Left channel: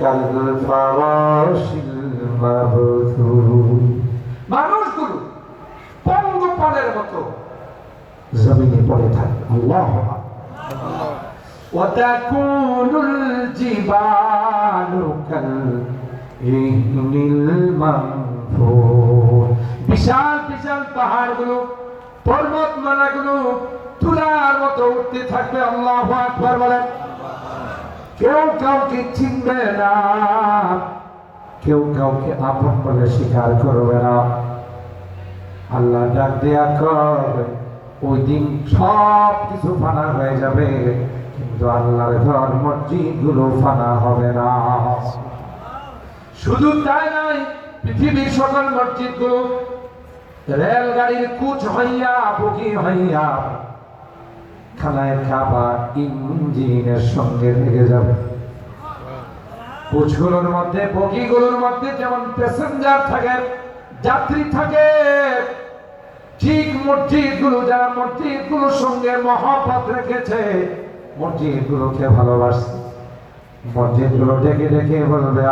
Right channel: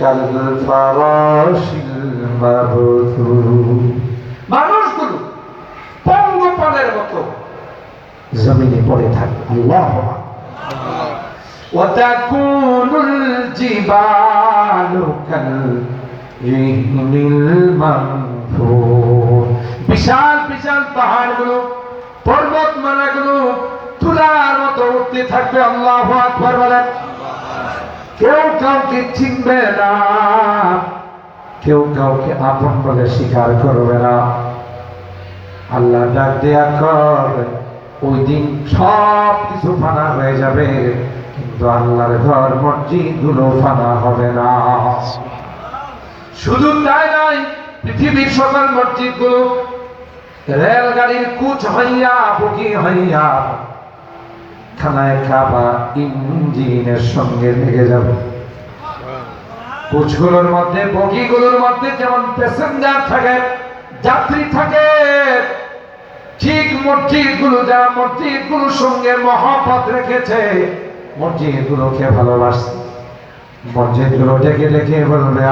كالفراش المبثوث মানুষগুলো পঙ্গপালের মতো জমিনে পড়ে থাকে আল্লাহ وتكون الجبال كالعهن المنفوش বিশাল বিশাল পাহাড়গুলো পর্বতমালাগুলো তুলার মতো উঠতে থাকবে আল্লাহ আকবার বলেন কেউ কাউকে চিনবে না। কেউ কাউকে আপন বলে স্বীকার করবে না। আল্লাহ ডাক দেয়া কর, ওই দিন সব কিছু ফানা হয়ে যাবে। কিন্তু আল্লাহর ঘর মসজিদগুলো ফানা হবে না। শুধু তাই নয়, পৃথিবীর সকল মসজিদগুলো রেলগাড়ির কুচ হইয়া বুকি হইয়া খানায় খাবা ইঞ্জিনের সঙ্গে লেগে যাবে। কোচগুলোর মধ্যে, বগিগুলোর মধ্যে যেমন প্যাসেঞ্জার থাকে, যাত্রী থাকে, ঠিক মসজিদগুলো যা মসজিদগুলোর সঙ্গে মহাপথ রেখেছে মসজিদ গুলোকে ভালোবাসছে মসজিদগুলো ডেকে ডেকে বলবে